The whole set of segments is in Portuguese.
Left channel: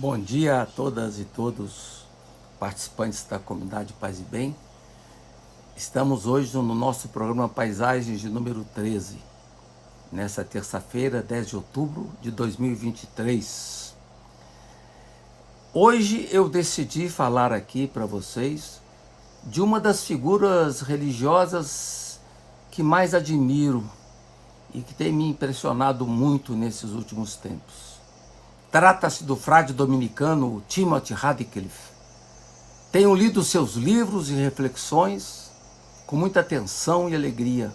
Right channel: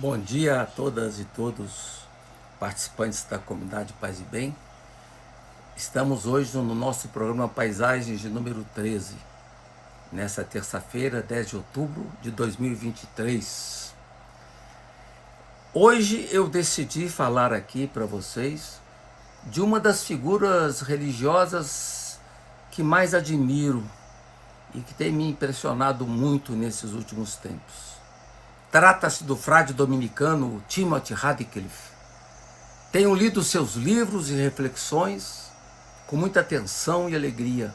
Bom dia a todas e todos, participantes da comunidade Paz e Bem. Estamos hoje no nosso programa Paisagens de número 13, nessa terça-feira, 10 de outubro de 2023. Hoje eu decidi falar aqui para vocês de uma das figuras religiosas que mais admiro e que tem me impressionado muito nesses últimos tempos. Trata-se do frade dominicano Timothy Radcliffe. Tenho lido seus livros e reflexões com muita atenção e alegria.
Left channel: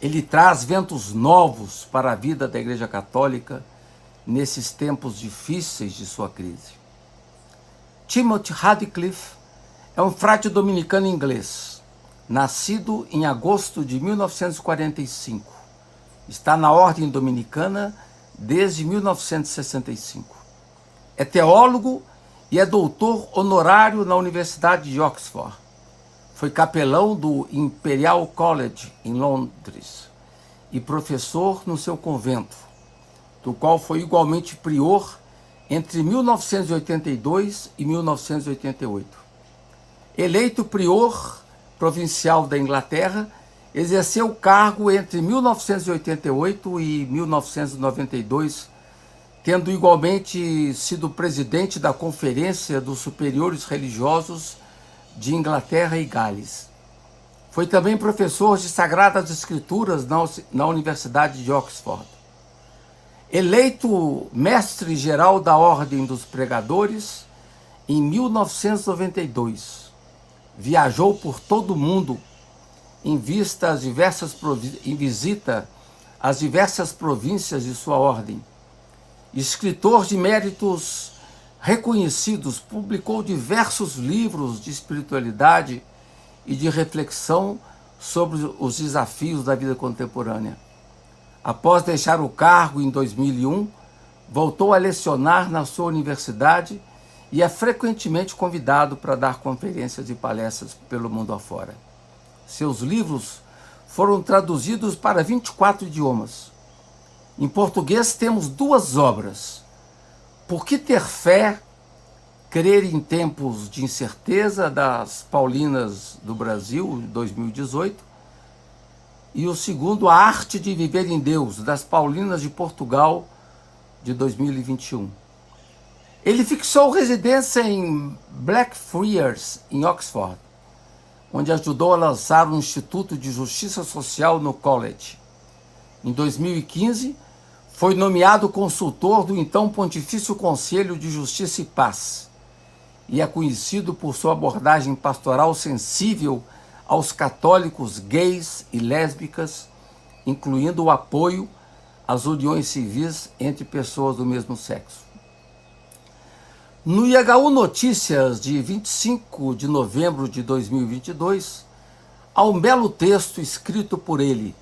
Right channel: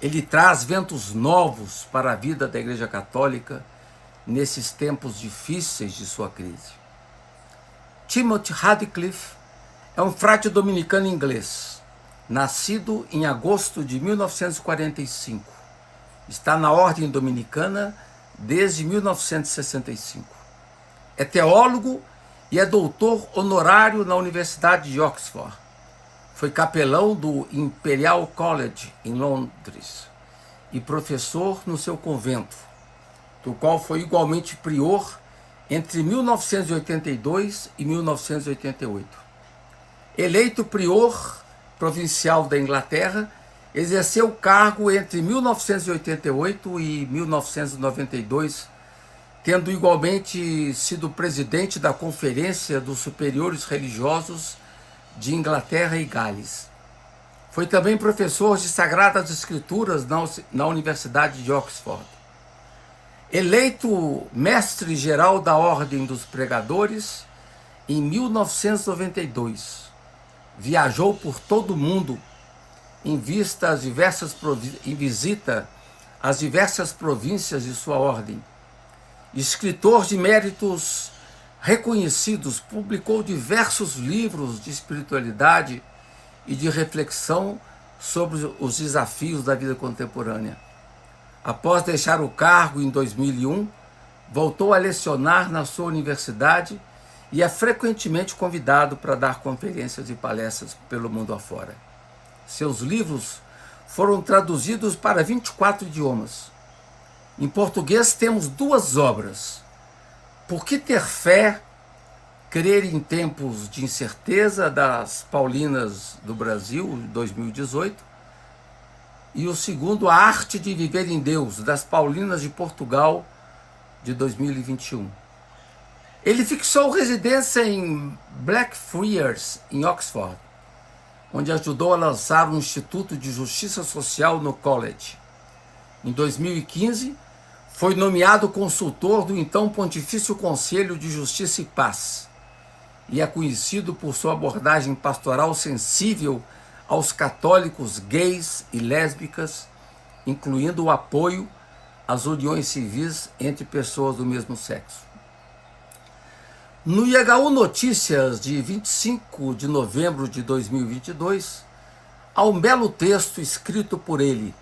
Ele traz ventos novos para a vida da Igreja Católica nesses tempos difíceis de sua crise. Timothy Radcliffe é um frade dominicano inglês, nascido em agosto de 1945. Está na Ordem Dominicana desde 1965. É teólogo e é doutor honorário na Universidade de Oxford. Foi capelão do Imperial College, em Londres, e professor no seu convento, do qual foi igualmente prior entre 1982 e 1988. Eleito prior provincial da Inglaterra, exerceu o cargo entre 1988 e 1992, tendo igualmente sido presidente da Conferência dos Superiores Religiosos de Inglaterra e Gales. Foi também professor de Sagradas Escrituras na Universidade de Oxford. Eleito mestre-geral da Ordem dos Pregadores em 1992, viajou por todo o mundo em visita às diversas províncias de sua ordem. Escritor de méritos reconhecidos, publicou diversos livros de espiritualidade e de reflexão sobre os desafios da vida contemporânea. Após deixar o cargo em 2001, voltou a lecionar na sua universidade e é frequentemente convidado para dar conferências e palestras pelo mundo afora. Seus livros foram traduzidos para 24 idiomas. Em português temos duas obras: Por que ter fé? Crer em tempos de incerteza, das Paulinas do Brasil, 2018, e o segundo, A Arte de Viver em Deus, das Paulinas de Portugal, de 2021. Ele fixou residência em Blackfriars, em Oxford, onde ajudou a lançar um Instituto de Justiça Social no College. Em 2015, foi nomeado consultor do então Pontifício Conselho de Justiça e Paz e é conhecido por sua abordagem pastoral sensível aos católicos gays e lésbicas, incluindo o apoio às uniões civis entre pessoas do mesmo sexo. No IHU Notícias, de 25 de novembro de 2022, há um belo texto escrito por ele,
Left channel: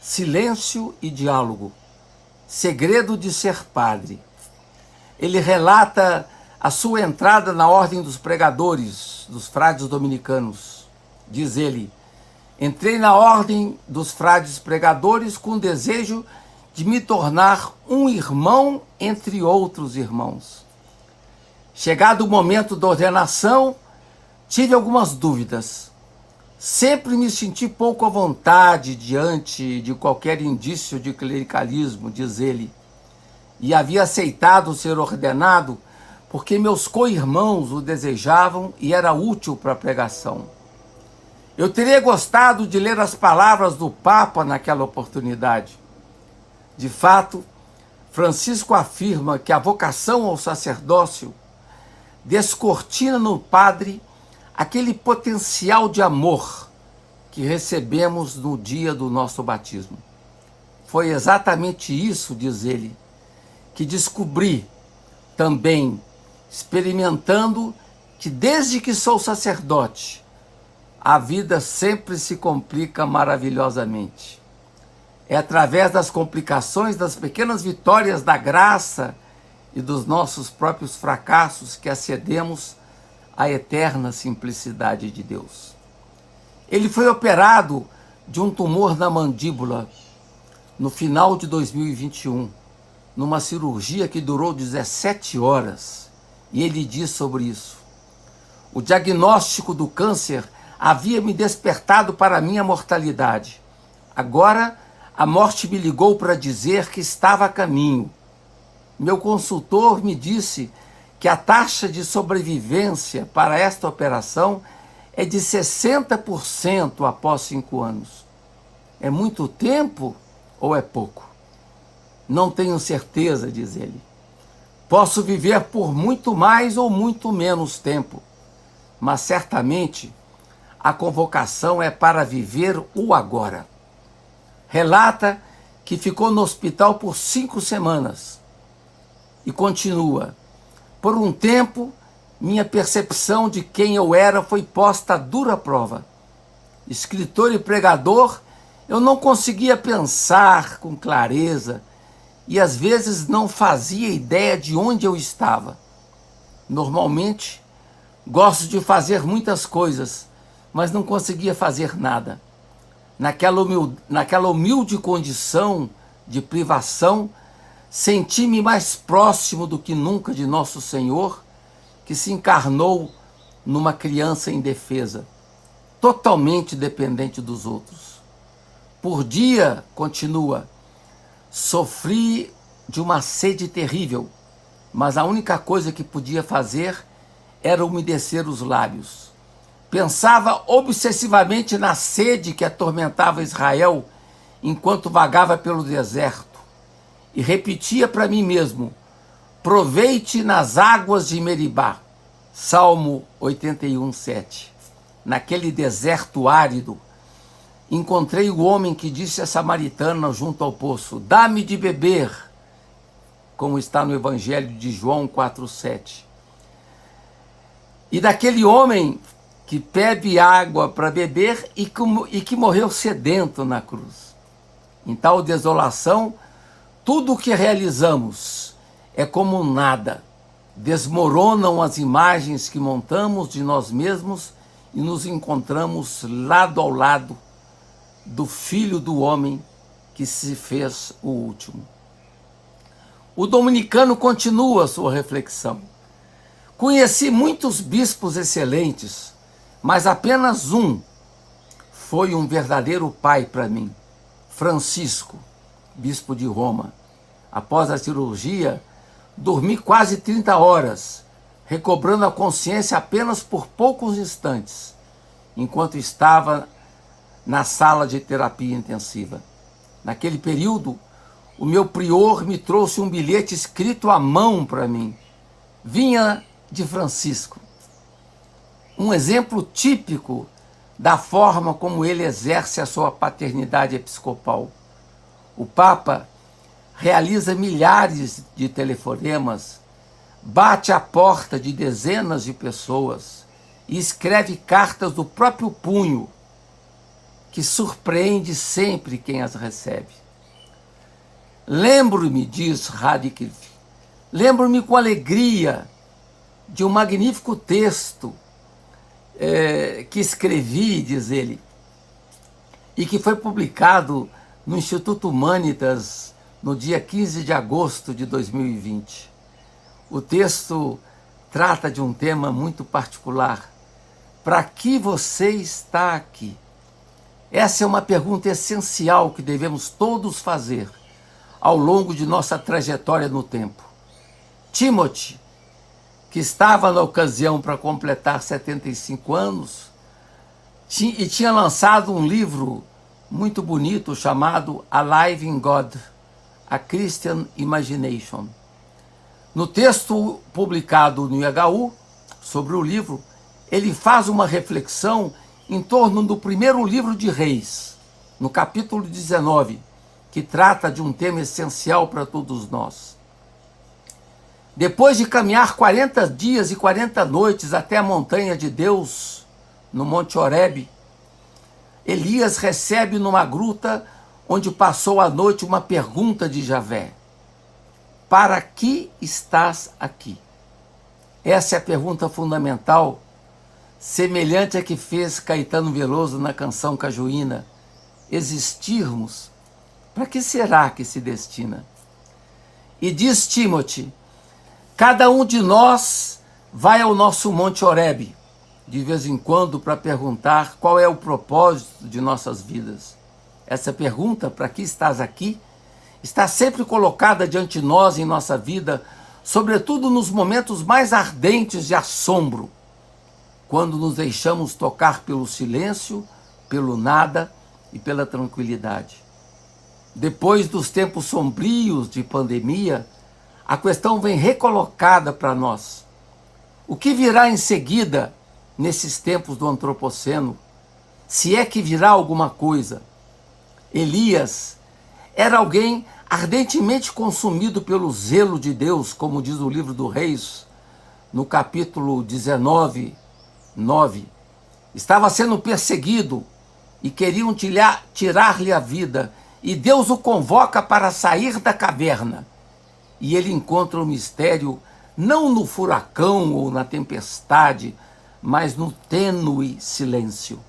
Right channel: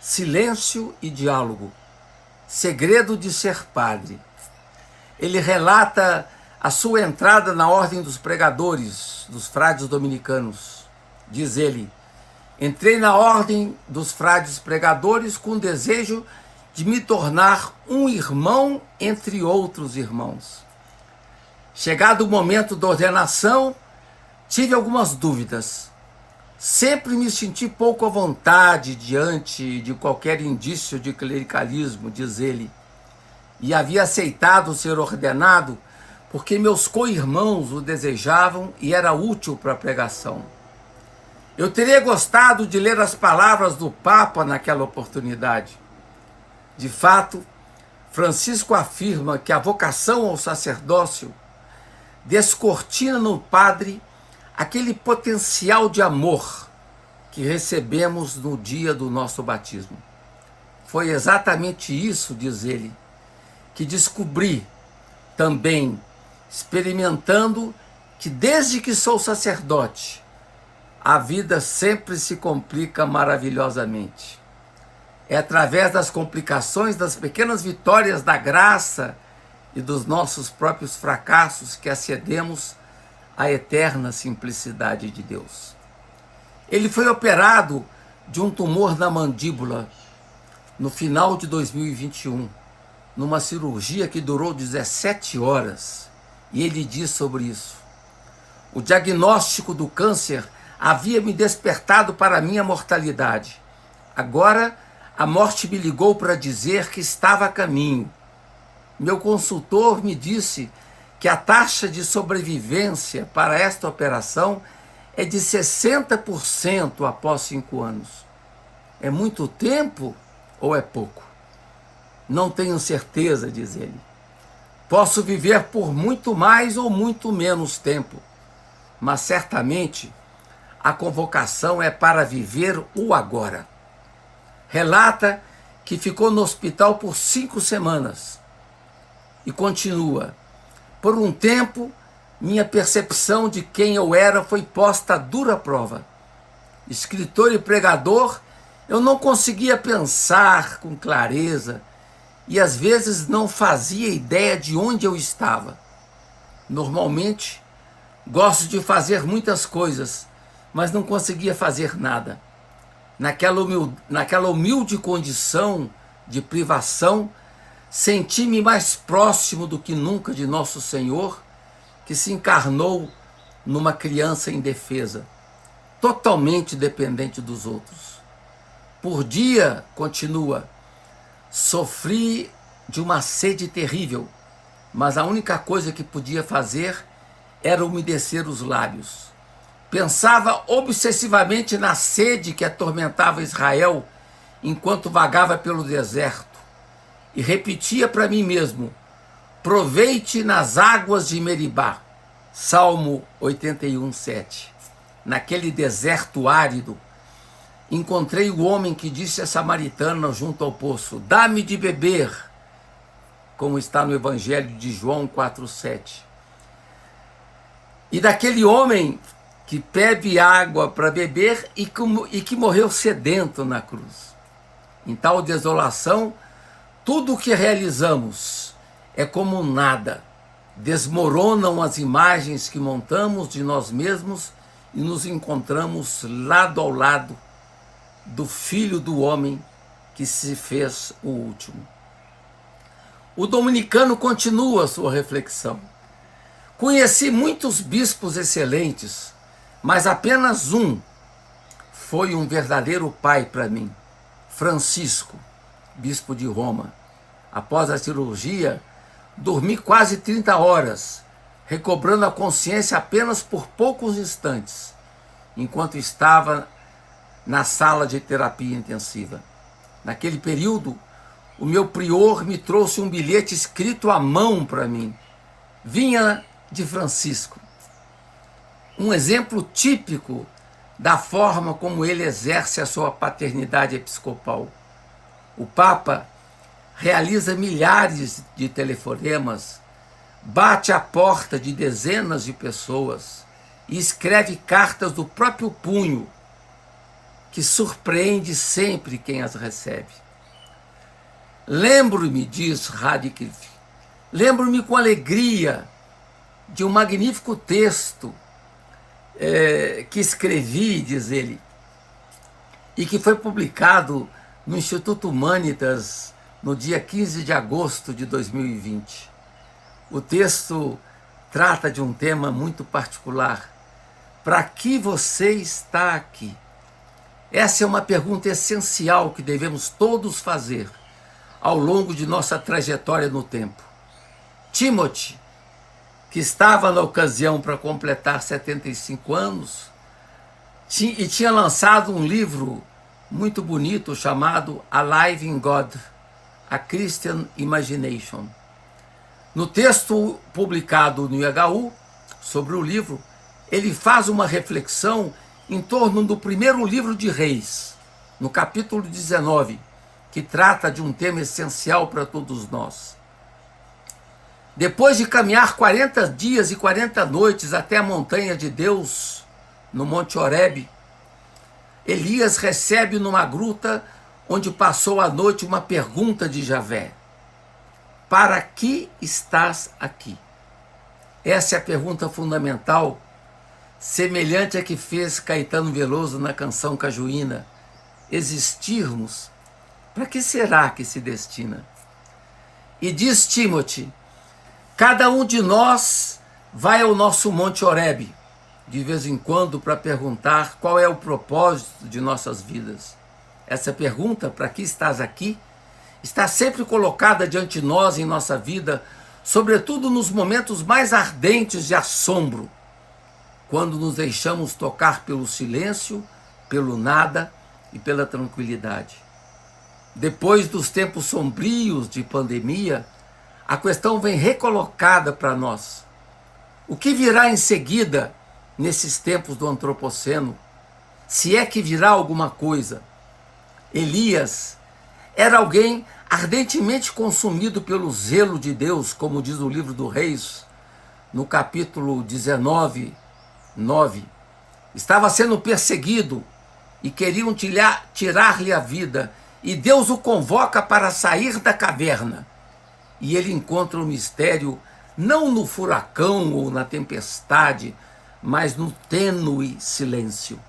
Silêncio e Diálogo, Segredo de Ser Padre. Ele relata a sua entrada na Ordem dos Pregadores, dos Frades Dominicanos. Diz ele: entrei na Ordem dos Frades Pregadores com o desejo de me tornar um irmão entre outros irmãos. Chegado o momento da ordenação, tive algumas dúvidas. Sempre me senti pouco à vontade diante de qualquer indício de clericalismo, diz ele, e havia aceitado ser ordenado porque meus co-irmãos o desejavam e era útil para a pregação. Eu teria gostado de ler as palavras do Papa naquela oportunidade. De fato, Francisco afirma que a vocação ao sacerdócio descortina no padre aquele potencial de amor que recebemos no dia do nosso batismo. Foi exatamente isso, diz ele, que descobri também, experimentando que desde que sou sacerdote, a vida sempre se complica maravilhosamente. É através das complicações, das pequenas vitórias da graça e dos nossos próprios fracassos que acedemos à eterna simplicidade de Deus. Ele foi operado de um tumor na mandíbula no final de 2021, numa cirurgia que durou 17 horas E ele diz sobre isso: o diagnóstico do câncer havia me despertado para a minha mortalidade. Agora, a morte me ligou para dizer que estava a caminho. Meu consultor me disse que a taxa de sobrevivência para esta operação é de 60% após 5 anos. É muito tempo ou é pouco? Não tenho certeza, diz ele. Posso viver por muito mais ou muito menos tempo, mas certamente a convocação é para viver o agora. Relata que ficou no hospital por 5 semanas e continua: por um tempo, minha percepção de quem eu era foi posta à dura prova. Escritor e pregador, eu não conseguia pensar com clareza e às vezes não fazia ideia de onde eu estava. Normalmente, gosto de fazer muitas coisas, mas não conseguia fazer nada. Naquela humilde condição de privação, senti-me mais próximo do que nunca de Nosso Senhor, que se encarnou numa criança indefesa, totalmente dependente dos outros. Por dia, continua, sofri de uma sede terrível, mas a única coisa que podia fazer era umedecer os lábios. Pensava obsessivamente na sede que atormentava Israel enquanto vagava pelo deserto e repetia para mim mesmo: proveite nas águas de Meribá. Salmo 81:7. Naquele deserto árido, encontrei o homem que disse à samaritana junto ao poço: dá-me de beber, como está no Evangelho de João 4:7. E daquele homem que bebe água para beber e que morreu sedento na cruz. Em tal desolação, tudo o que realizamos é como nada. Desmoronam as imagens que montamos de nós mesmos e nos encontramos lado ao lado do Filho do Homem que se fez o último. O dominicano continua sua reflexão. Conheci muitos bispos excelentes, mas apenas um foi um verdadeiro pai para mim, Francisco, bispo de Roma. Após a cirurgia, dormi quase 30 horas, recobrando a consciência apenas por poucos instantes, enquanto estava na sala de terapia intensiva. Naquele período, o meu prior me trouxe um bilhete escrito à mão para mim. Vinha de Francisco. Um exemplo típico da forma como ele exerce a sua paternidade episcopal. O Papa realiza milhares de telefonemas, bate à porta de dezenas de pessoas e escreve cartas do próprio punho, que surpreende sempre quem as recebe. Lembro-me, diz Radcliffe, lembro-me com alegria de um magnífico texto que escrevi, diz ele, e que foi publicado no Instituto Humanitas no dia 15 de agosto de 2020. O texto trata de um tema muito particular. Para que você está aqui? Essa é uma pergunta essencial que devemos todos fazer ao longo de nossa trajetória no tempo. Timothy, que estava na ocasião para completar 75 anos, e tinha lançado um livro muito bonito chamado Alive in God, A Christian Imagination. No texto publicado no IHU sobre o livro, ele faz uma reflexão em torno do primeiro livro de Reis, no capítulo 19, que trata de um tema essencial para todos nós. Depois de caminhar 40 dias e 40 noites até a montanha de Deus, no Monte Horebe, Elias recebe numa gruta onde passou a noite uma pergunta de Javé: para que estás aqui? Essa é a pergunta fundamental, semelhante à que fez Caetano Veloso na canção Cajuína: existirmos, para que será que se destina? E diz Timothy: Cada um de nós vai ao nosso Monte Horebe, de vez em quando, para perguntar qual é o propósito de nossas vidas. Essa pergunta, para que estás aqui, está sempre colocada diante de nós em nossa vida, sobretudo nos momentos mais ardentes de assombro, quando nos deixamos tocar pelo silêncio, pelo nada e pela tranquilidade. Depois dos tempos sombrios de pandemia, a questão vem recolocada para nós. O que virá em seguida nesses tempos do antropoceno? Se é que virá alguma coisa. Elias era alguém ardentemente consumido pelo zelo de Deus, como diz o livro do Reis, no capítulo 19, 9. Estava sendo perseguido e queriam tirar-lhe a vida, e Deus o convoca para sair da caverna. E ele encontra o mistério não no furacão ou na tempestade, mas no tênue silêncio.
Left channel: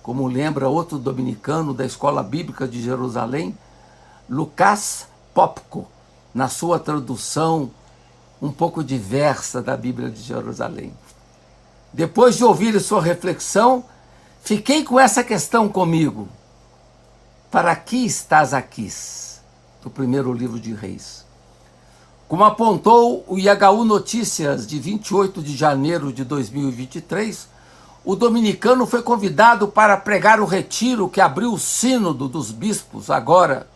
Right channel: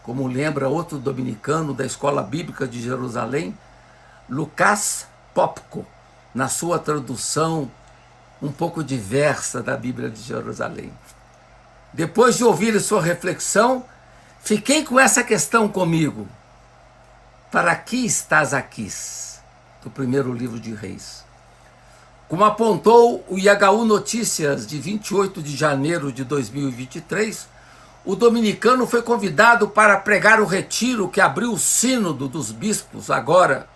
Como lembra outro dominicano da Escola Bíblica de Jerusalém, Lucas Popko, na sua tradução um pouco diversa da Bíblia de Jerusalém. Depois de ouvir sua reflexão, fiquei com essa questão comigo. Para que estás aqui? Do primeiro livro de Reis. Como apontou o IHU Notícias de 28 de janeiro de 2023, o dominicano foi convidado para pregar o retiro que abriu o sínodo dos bispos agora,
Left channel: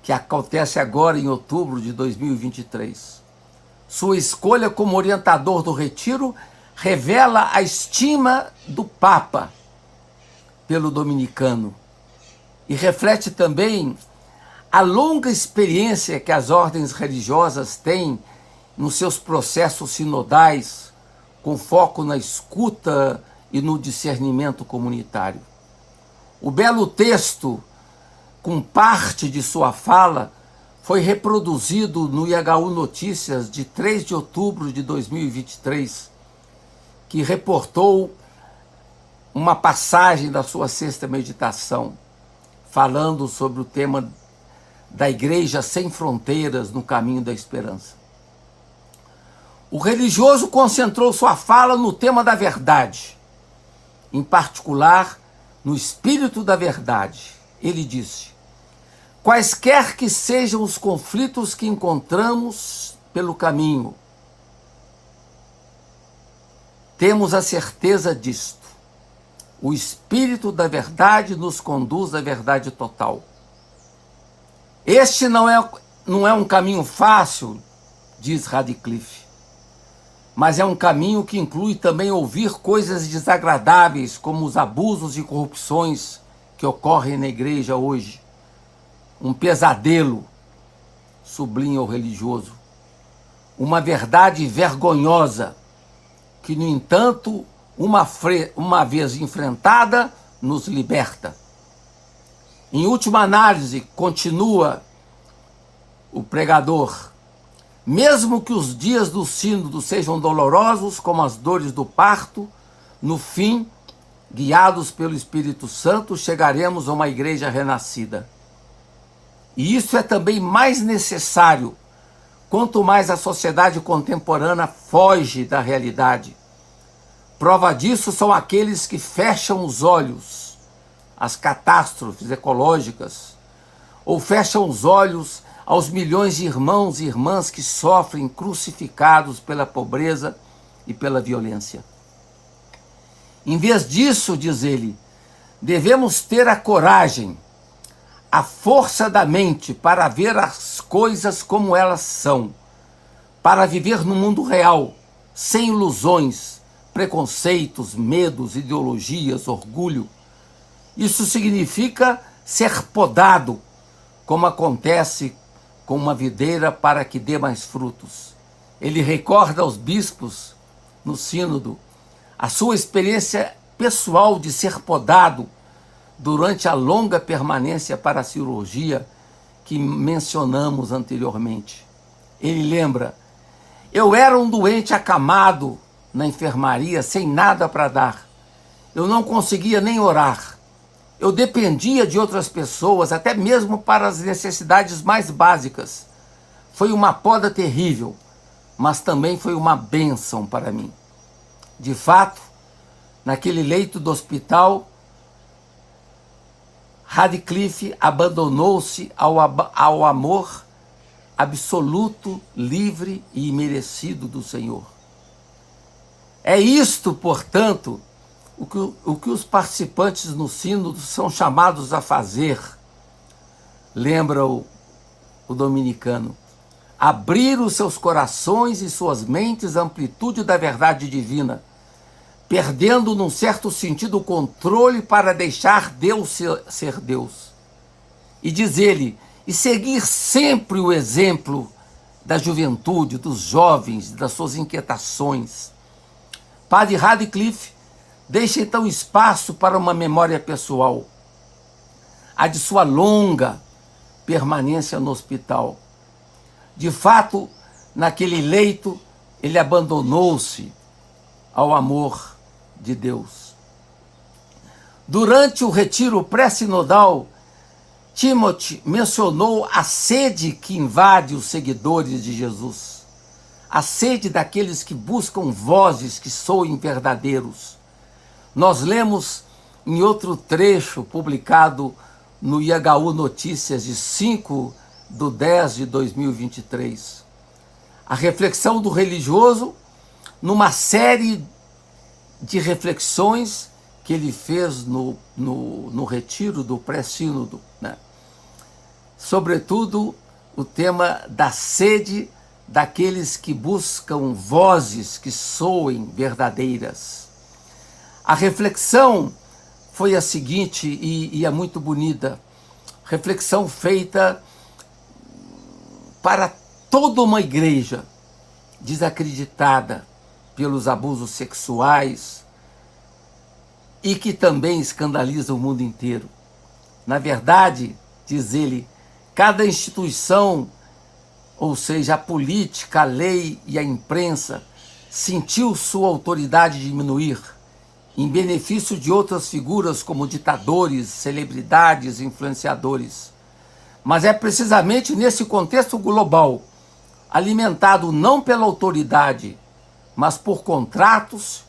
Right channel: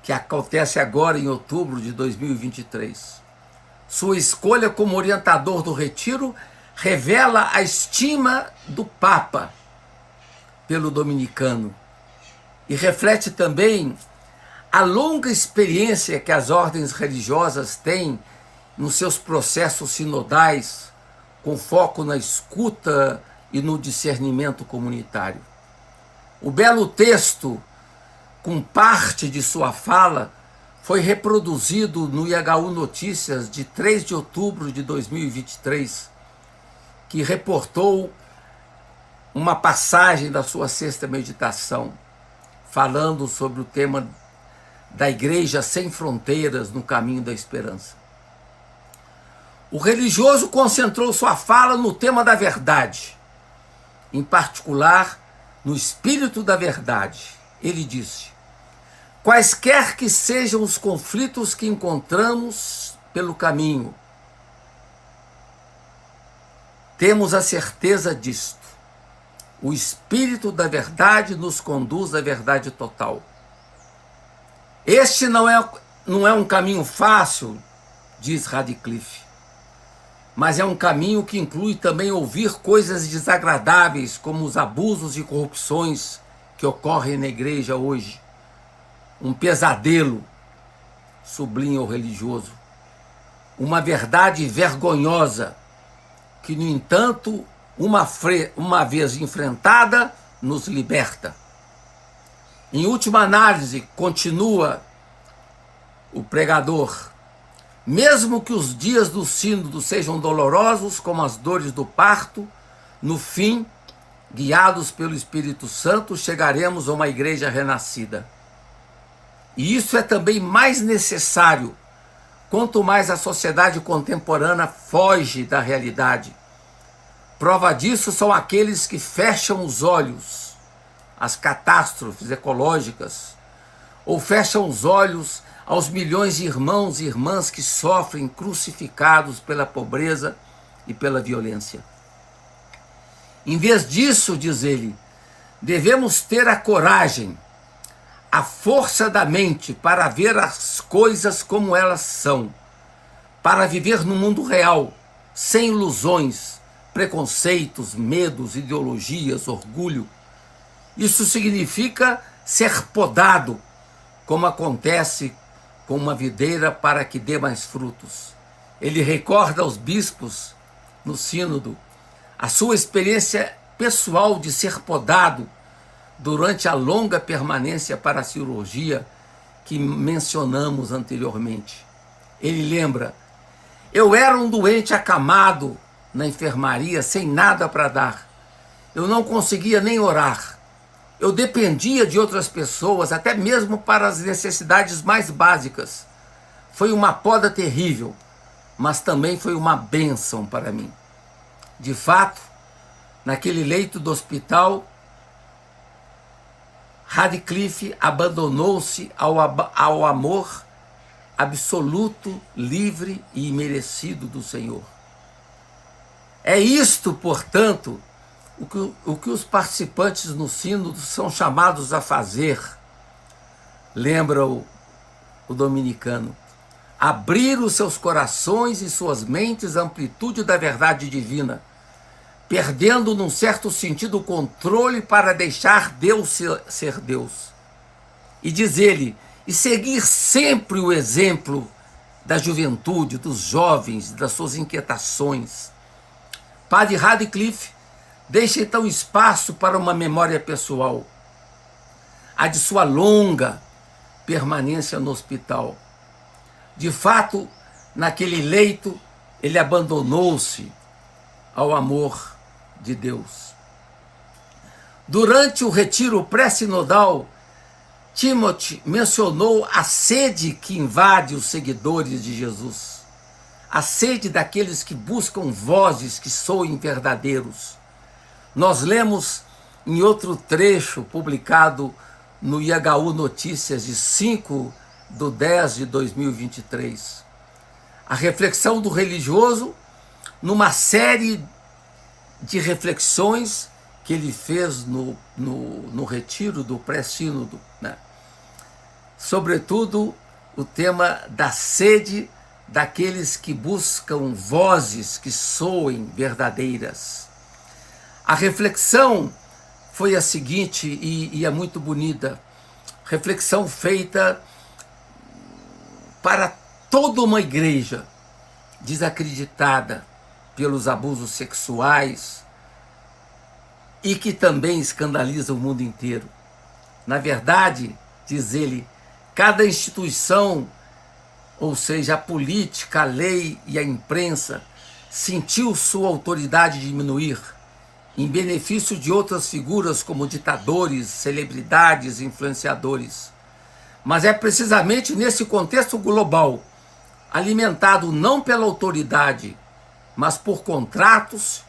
que acontece agora em outubro de 2023. Sua escolha como orientador do retiro revela a estima do Papa pelo dominicano e reflete também a longa experiência que as ordens religiosas têm nos seus processos sinodais, com foco na escuta e no discernimento comunitário. O belo texto, com parte de sua fala, foi reproduzido no IHU Notícias de 3 de outubro de 2023, que reportou uma passagem da sua sexta meditação, falando sobre o tema da Igreja Sem Fronteiras no Caminho da Esperança. O religioso concentrou sua fala no tema da verdade, em particular no espírito da verdade. Ele disse: quaisquer que sejam os conflitos que encontramos pelo caminho, temos a certeza disto. O espírito da verdade nos conduz à verdade total. Este não é um caminho fácil, diz Radcliffe, mas é um caminho que inclui também ouvir coisas desagradáveis, como os abusos e corrupções que ocorrem na igreja hoje. Um pesadelo, sublinha o religioso. Uma verdade vergonhosa, que, no entanto, uma vez enfrentada, nos liberta. Em última análise, continua o pregador, mesmo que os dias do sínodo sejam dolorosos, como as dores do parto, no fim, guiados pelo Espírito Santo, chegaremos a uma igreja renascida. E isso é também mais necessário, quanto mais a sociedade contemporânea foge da realidade. Prova disso são aqueles que fecham os olhos às catástrofes ecológicas, ou fecham os olhos aos milhões de irmãos e irmãs que sofrem crucificados pela pobreza e pela violência. Em vez disso, diz ele, devemos ter a coragem, a força da mente para ver as coisas como elas são, para viver no mundo real, sem ilusões, preconceitos, medos, ideologias, orgulho. Isso significa ser podado, como acontece com uma videira para que dê mais frutos. Ele recorda aos bispos, no sínodo, a sua experiência pessoal de ser podado durante a longa permanência para a cirurgia que mencionamos anteriormente. Ele lembra: eu era um doente acamado na enfermaria, sem nada para dar. Eu não conseguia nem orar. Eu dependia de outras pessoas, até mesmo para as necessidades mais básicas. Foi uma poda terrível. mas também foi uma bênção para mim. De fato, naquele leito do hospital, Radcliffe abandonou-se ao amor absoluto, livre e imerecido do Senhor. É isto, portanto, o que os participantes no sínodo são chamados a fazer, lembra o dominicano. Abrir os seus corações e suas mentes à amplitude da verdade divina, perdendo, num certo sentido, o controle para deixar Deus ser Deus. E diz ele, e seguir sempre o exemplo da juventude, dos jovens, das suas inquietações. Padre Radcliffe deixa então espaço para uma memória pessoal, a de sua longa permanência no hospital. De fato, naquele leito, ele abandonou-se ao amor de Deus. Durante o retiro pré-sinodal, Timothy mencionou a sede que invade os seguidores de Jesus, a sede daqueles que buscam vozes que soem verdadeiros. Nós lemos em outro trecho publicado no IHU Notícias de 5/10/2023. A reflexão do religioso numa série de reflexões que ele fez no retiro do pré-sínodo, né? Sobretudo o tema da sede daqueles que buscam vozes que soem verdadeiras. A reflexão foi a seguinte, e é muito bonita, reflexão feita para toda uma igreja desacreditada pelos abusos sexuais e que também escandaliza o mundo inteiro. Na verdade, diz ele, cada instituição, ou seja, a política, a lei e a imprensa, sentiu sua autoridade diminuir em benefício de outras figuras como ditadores, celebridades, influenciadores. Mas é precisamente nesse contexto global, alimentado não pela autoridade, mas por contratos,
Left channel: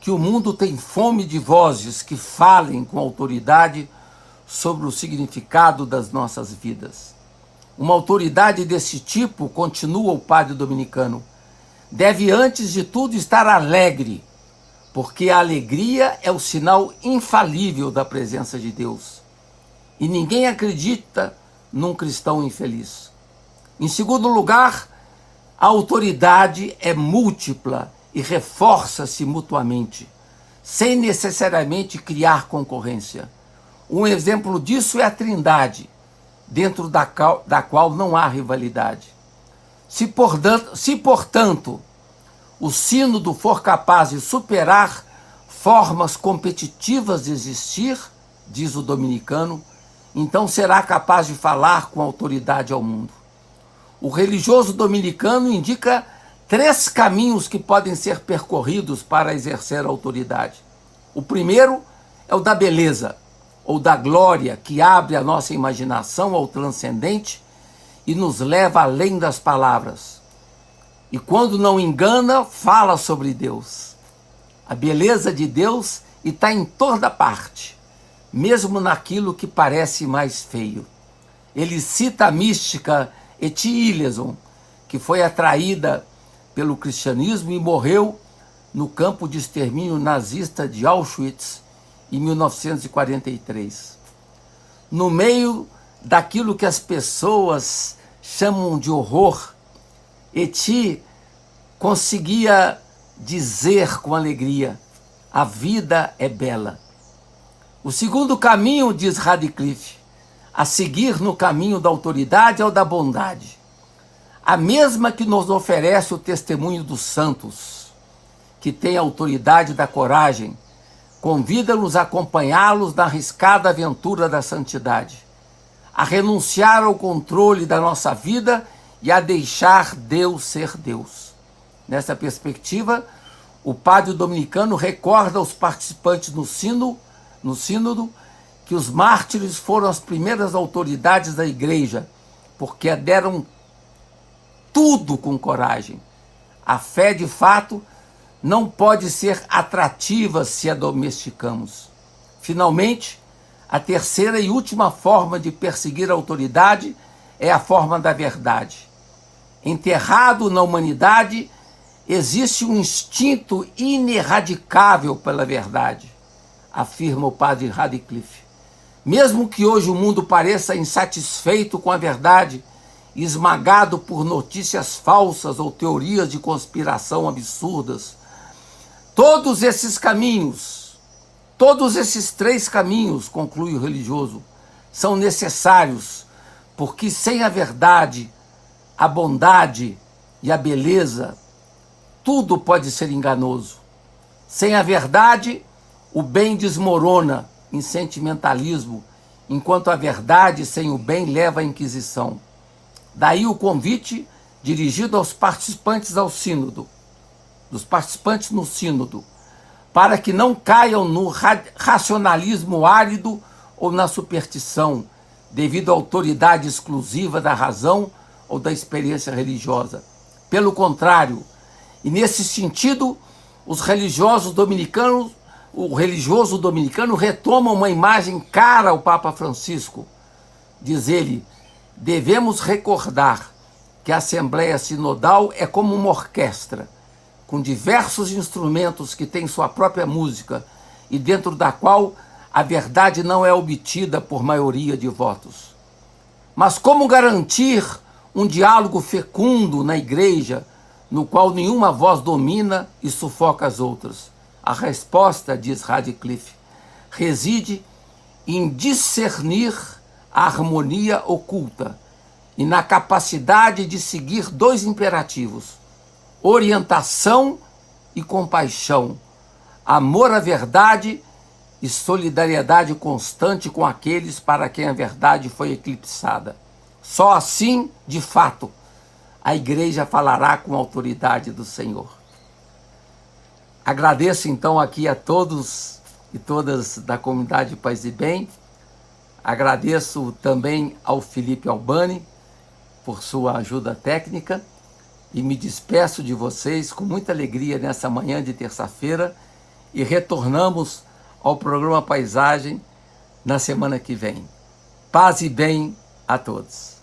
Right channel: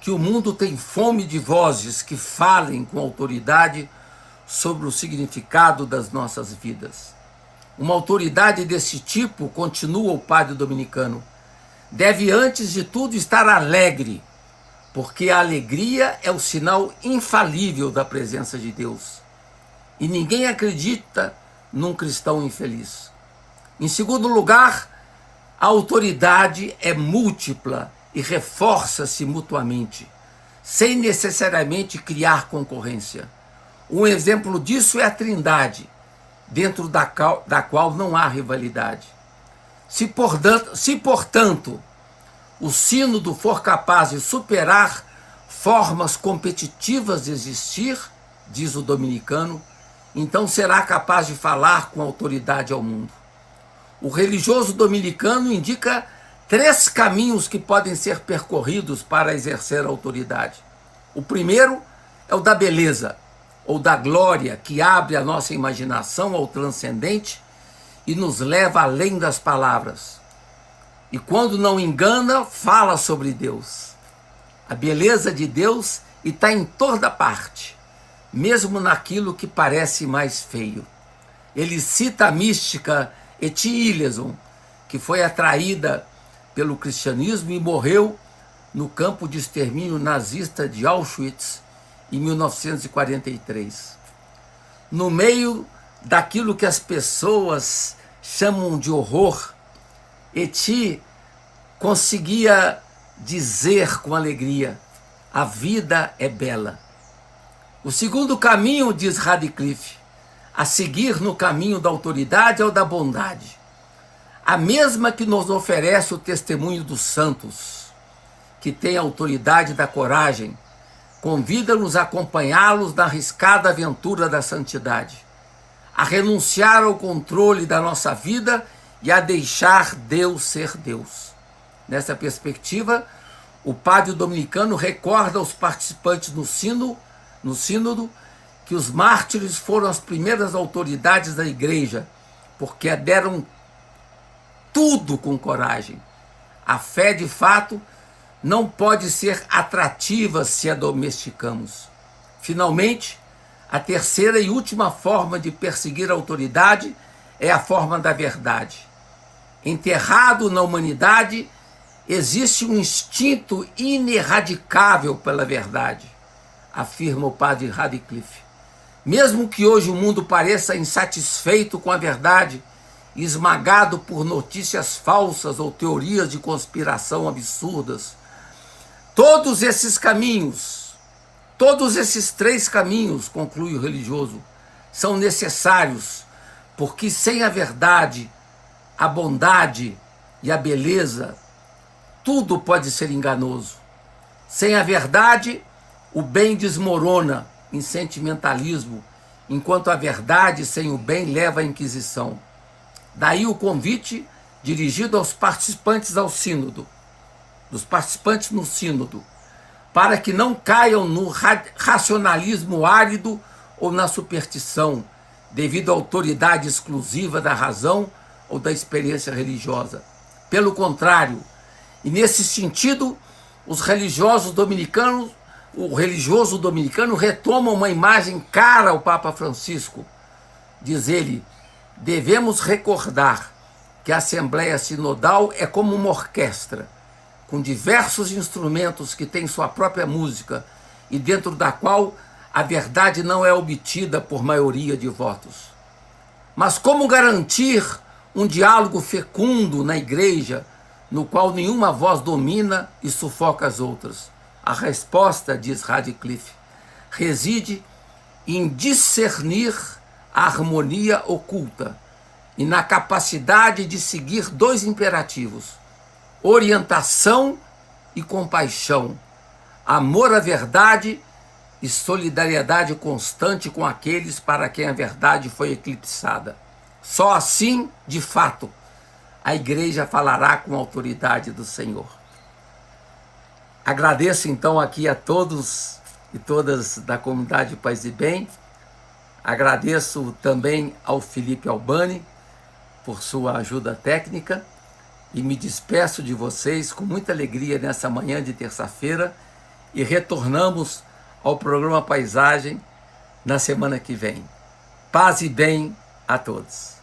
que o mundo tem fome de vozes que falem com autoridade sobre o significado das nossas vidas. Uma autoridade desse tipo, continua o padre dominicano, deve antes de tudo estar alegre, porque a alegria é o sinal infalível da presença de Deus. E ninguém acredita num cristão infeliz. Em segundo lugar, a autoridade é múltipla e reforça-se mutuamente, sem necessariamente criar concorrência. Um exemplo disso é a Trindade, dentro da qual não há rivalidade. Se, portanto, o sínodo for capaz de superar formas competitivas de existir, diz o dominicano, então será capaz de falar com autoridade ao mundo. O religioso dominicano indica 3 caminhos que podem ser percorridos para exercer a autoridade. O primeiro é o da beleza, ou da glória, que abre a nossa imaginação ao transcendente e nos leva além das palavras. E quando não engana, fala sobre Deus. A beleza de Deus está em toda parte, mesmo naquilo que parece mais feio. Ele cita a mística Etty Hillesum, que foi atraída pelo cristianismo e morreu no campo de extermínio nazista de Auschwitz em 1943. No meio daquilo que as pessoas chamam de horror, Etty conseguia dizer com alegria: a vida é bela. O segundo caminho, diz Radcliffe, a seguir no caminho da autoridade é o da bondade, a mesma que nos oferece o testemunho dos santos, que tem a autoridade da coragem, convida-nos a acompanhá-los na arriscada aventura da santidade, a renunciar ao controle da nossa vida e a deixar Deus ser Deus. Nessa perspectiva, o padre dominicano recorda aos participantes no sínodo que os mártires foram as primeiras autoridades da igreja, porque deram tudo com coragem, A fé, de fato, não pode ser atrativa se a domesticamos. Finalmente, a terceira e última forma de perseguir a autoridade é a forma da verdade. Enterrado na humanidade, existe um instinto ineradicável pela verdade, afirma o padre Radcliffe. Mesmo que hoje o mundo pareça insatisfeito com a verdade, esmagado por notícias falsas ou teorias de conspiração absurdas, todos esses três caminhos, conclui o religioso, são necessários, porque sem a verdade, a bondade e a beleza, tudo pode ser enganoso. Sem a verdade, o bem desmorona em sentimentalismo, enquanto a verdade sem o bem leva à inquisição. Daí o convite dirigido aos participantes ao sínodo, dos participantes no sínodo, para que não caiam no racionalismo árido ou na superstição, devido à autoridade exclusiva da razão ou da experiência religiosa. Pelo contrário, e nesse sentido, o religioso dominicano retoma uma imagem cara ao Papa Francisco. Diz ele: devemos recordar que a Assembleia Sinodal é como uma orquestra, com diversos instrumentos que têm sua própria música e dentro da qual a verdade não é obtida por maioria de votos. Mas como garantir um diálogo fecundo na igreja, no qual nenhuma voz domina e sufoca as outras? A resposta, diz Radcliffe, reside em discernir a harmonia oculta e na capacidade de seguir dois imperativos: orientação e compaixão, amor à verdade e solidariedade constante com aqueles para quem a verdade foi eclipsada. Só assim, de fato, a igreja falará com a autoridade do Senhor. Agradeço então aqui a todos e todas da comunidade Paz e Bem. Agradeço também ao Felipe Albani por sua ajuda técnica e me despeço de vocês com muita alegria nessa manhã de terça-feira e retornamos ao programa Paisagem na semana que vem. Paz e bem a todos.